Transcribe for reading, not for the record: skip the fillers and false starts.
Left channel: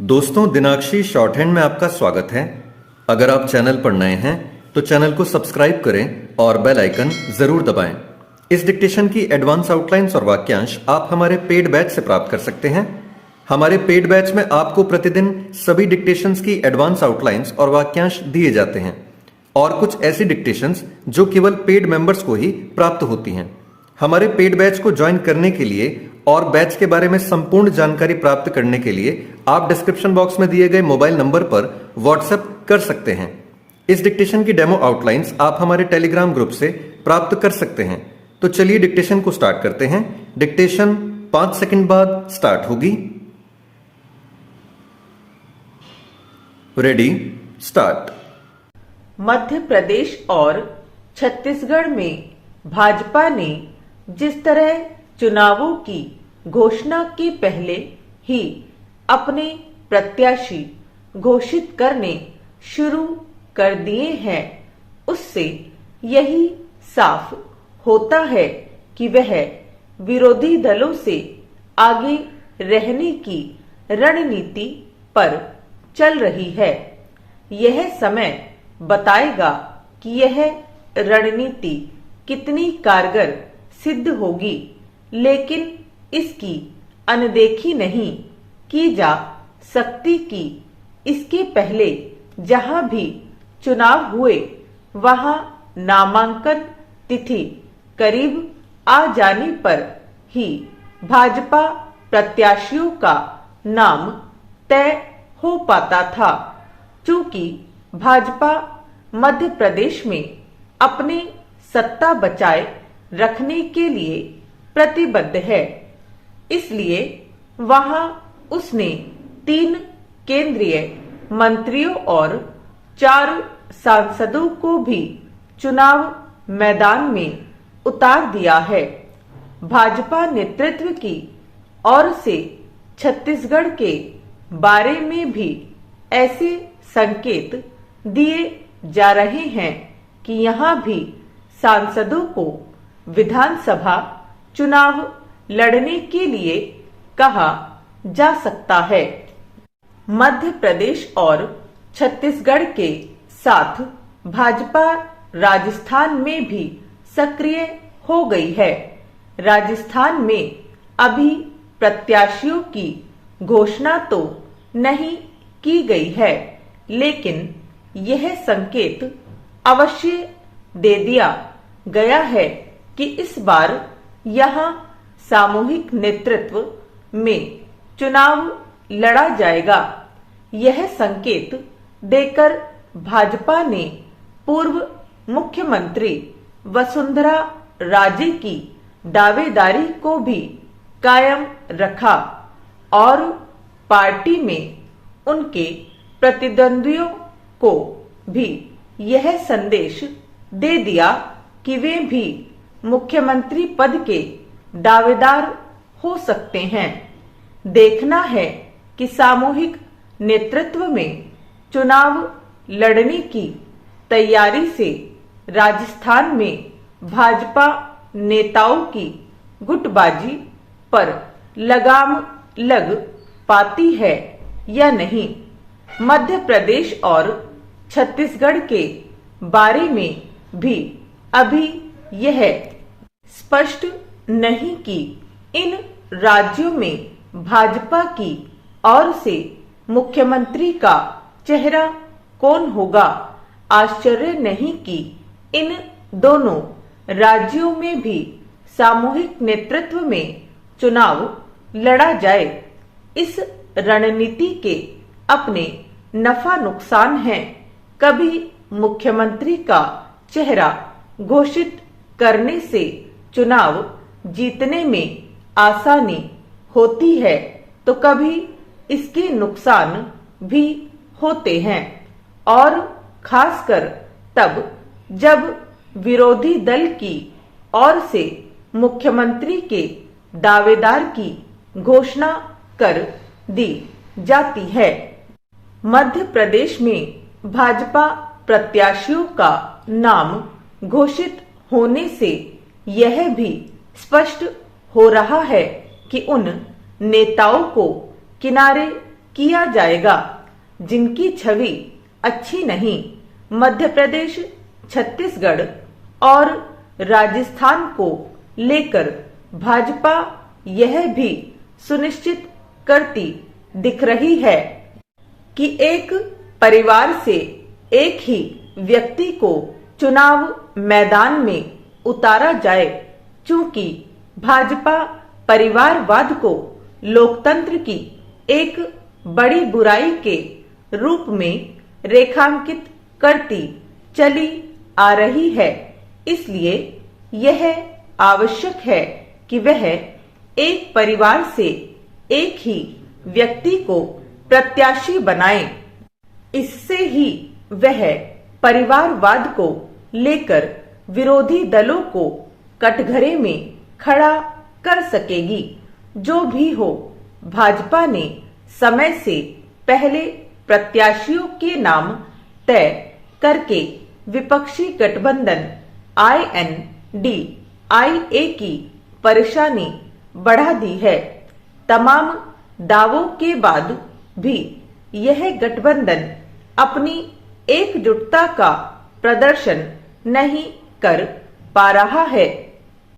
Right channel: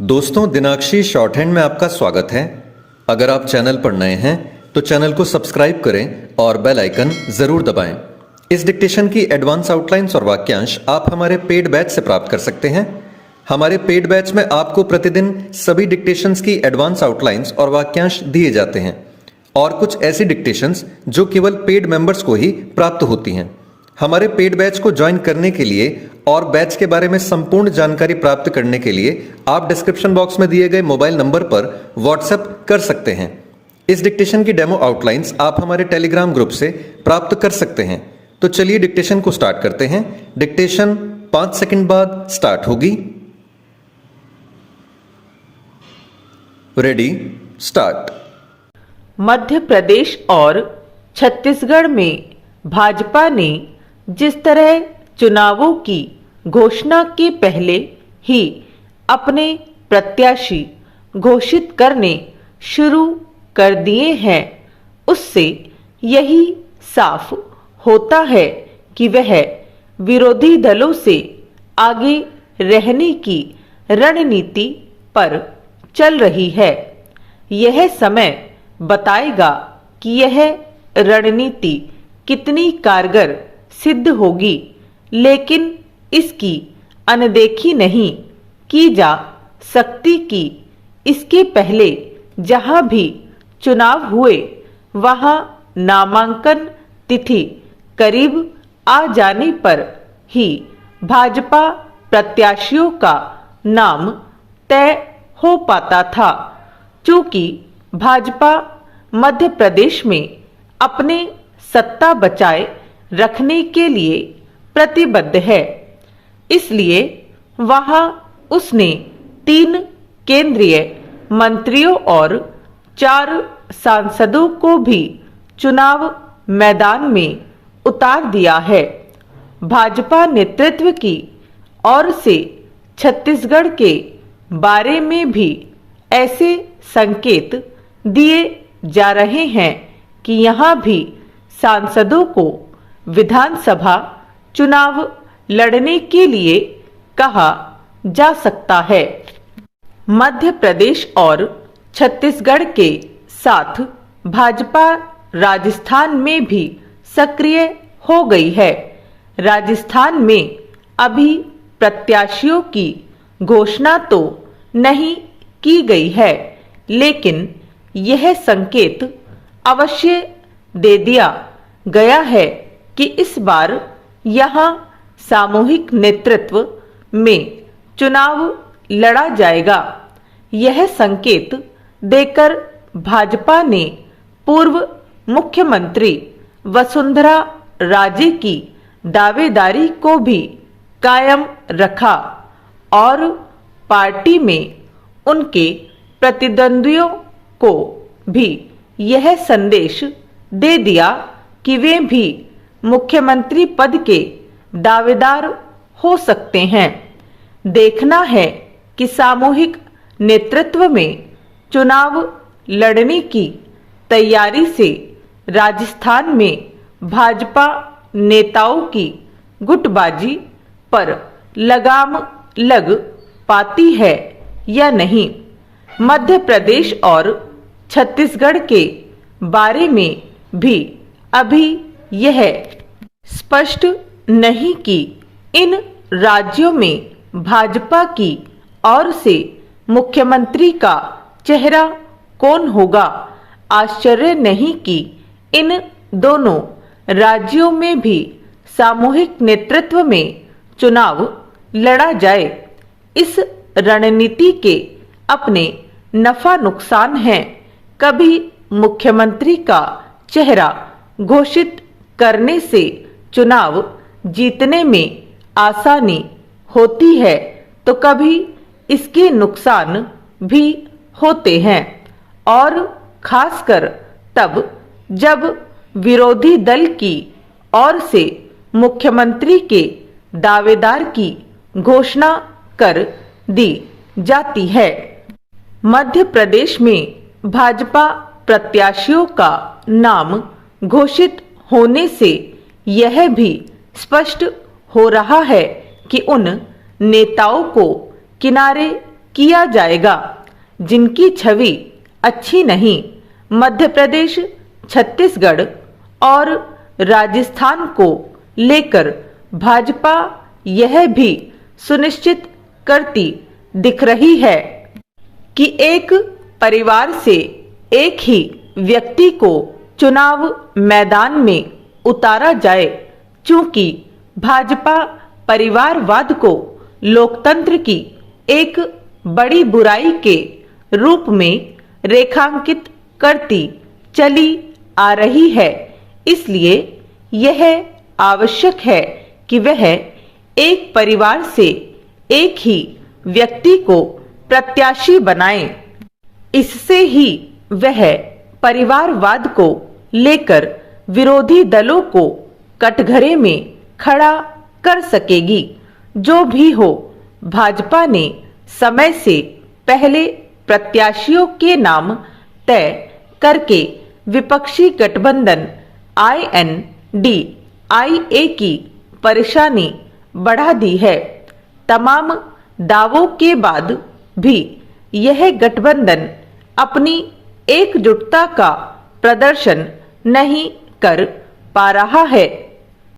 दोस्तों, दिनाक्षी short hand में आपका स्वागत है। अगर आप चैनल पर नए हैं तो चैनल को सब्सक्राइब करें और बेल आइकन जरूर दबाएं। इस डिक्टेशन की एडवांस आउटलाइंस और वाक्यांश आप हमारे पेड बैच से प्राप्त कर सकते हैं। हमारे पेड बैच में आपको प्रतिदिन सभी डिक्टेशंस की एडवांस आउटलाइंस और वाक्यांश दिए जाते हैं और कुछ ऐसी डिक्टेशंस जो केवल पेड मेंबर्स को ही प्राप्त होती हैं। हमारे पेड बैच को ज्वाइन करने के लिए और बैच के बारे में संपूर्ण जानकारी प्राप्त करने के लिए आप डिस्क्रिप्शन बॉक्स में दिए गए मोबाइल नंबर पर व्हाट्सएप कर सकते हैं। इस डिक्टेशन की डेमो आउटलाइंस आप हमारे टेलीग्राम ग्रुप से प्राप्त कर सकते हैं। तो चलिए डिक्टेशन को स्टार्ट करते हैं। डिक्टेशन 5 सेकंड बाद स्टार्ट होगी। Ready, start. मध्य प्रदेश और छत्तीसगढ़ में भाजपा ने जिस तरह चुनावों की घोषणा के पहले ही अपने प्रत्याशी घोषित करने शुरू कर दिए हैं, उससे यही साफ होता है कि वह विरोधी दलों से आगे रहने की रणनीति पर चल रही है। यह समय बताएगा कि यह रणनीति कितनी कारगर सिद्ध होगी, लेकिन इसकी अनदेखी नहीं की जा सकती कि इसके पहले जहां भी चुनाव हुए वहां नामांकन तिथि करीब आ जाने पर ही भाजपा प्रत्याशियों का नाम तय हो पाता था। चूंकि भाजपा मध्य प्रदेश में अपने सत्ता बचाए रखने के लिए प्रतिबद्ध है, इसलिए वहां उसने 3 केंद्रीय मंत्रियों और 4 सांसदों को भी चुनाव मैदान में उतार दिया है। भाजपा नेतृत्व की ओर से छत्तीसगढ़ के बारे में भी ऐसे संकेत दिए जा रहे हैं कि यहां भी सांसदों को विधानसभा चुनाव लड़ने के लिए कहा जा सकता है। मध्य प्रदेश और छत्तीसगढ़ के साथ भाजपा राजस्थान में भी सक्रिय हो गई है। राजस्थान में अभी प्रत्याशियों की घोषणा तो नहीं की गई है, लेकिन यह संकेत अवश्य दे दिया गया है कि इस बार यहां सामूहिक नेतृत्व में चुनाव लड़ा जाएगा। यह संकेत देकर भाजपा ने पूर्व मुख्यमंत्री वसुंधरा राजे की दावेदारी को भी कायम रखा और पार्टी में उनके प्रतिद्वंदियों को भी यह संदेश दे दिया कि वे भी मुख्यमंत्री पद के दावेदार हो सकते हैं। देखना है कि सामूहिक नेतृत्व में चुनाव लड़ने की तैयारी से राजस्थान में भाजपा नेताओं की गुटबाजी पर लगाम लग पाती है या नहीं। मध्य प्रदेश और छत्तीसगढ़ के बारे में भी अभी यह स्पष्ट नहीं कि इन राज्यों में भाजपा की ओर से मुख्यमंत्री का चेहरा कौन होगा। आश्चर्य नहीं कि इन दोनों राज्यों में भी सामूहिक नेतृत्व में चुनाव लड़ा जाए। इस रणनीति के अपने नफा नुकसान हैं। कभी मुख्यमंत्री का चेहरा घोषित करने से चुनाव जीतने में आसानी होती है, तो कभी इसके नुकसान भी होते हैं, और खासकर तब जब विरोधी दल की ओर से मुख्यमंत्री के दावेदार की घोषणा कर दी जाती है। मध्य प्रदेश में भाजपा प्रत्याशियों का नाम घोषित होने से यह भी स्पष्ट हो रहा है कि उन नेताओं को किनारे किया जाएगा, जिनकी छवि अच्छी नहीं। मध्य प्रदेश, छत्तीसगढ़ और राजस्थान को लेकर भाजपा यह भी सुनिश्चित करती दिख रही है कि एक परिवार से एक ही व्यक्ति को चुनाव मैदान में उतारा जाए, चूंकि भाजपा परिवारवाद को लोकतंत्र की एक बड़ी बुराई के रूप में रेखांकित करती चली आ रही है। इसलिए यह आवश्यक है कि वह एक परिवार से एक ही व्यक्ति को प्रत्याशी बनाए। इससे ही वह परिवारवाद को लेकर विरोधी दलों को कटघरे में खड़ा कर सकेगी। जो भी हो, भाजपा ने समय से पहले प्रत्याशियों के नाम तय करके विपक्षी गठबंधन INDIA की परेशानी बढ़ा दी है। तमाम दावों के बाद भी यह गठबंधन अपनी एकजुटता का प्रदर्शन नहीं कर पा रहा है।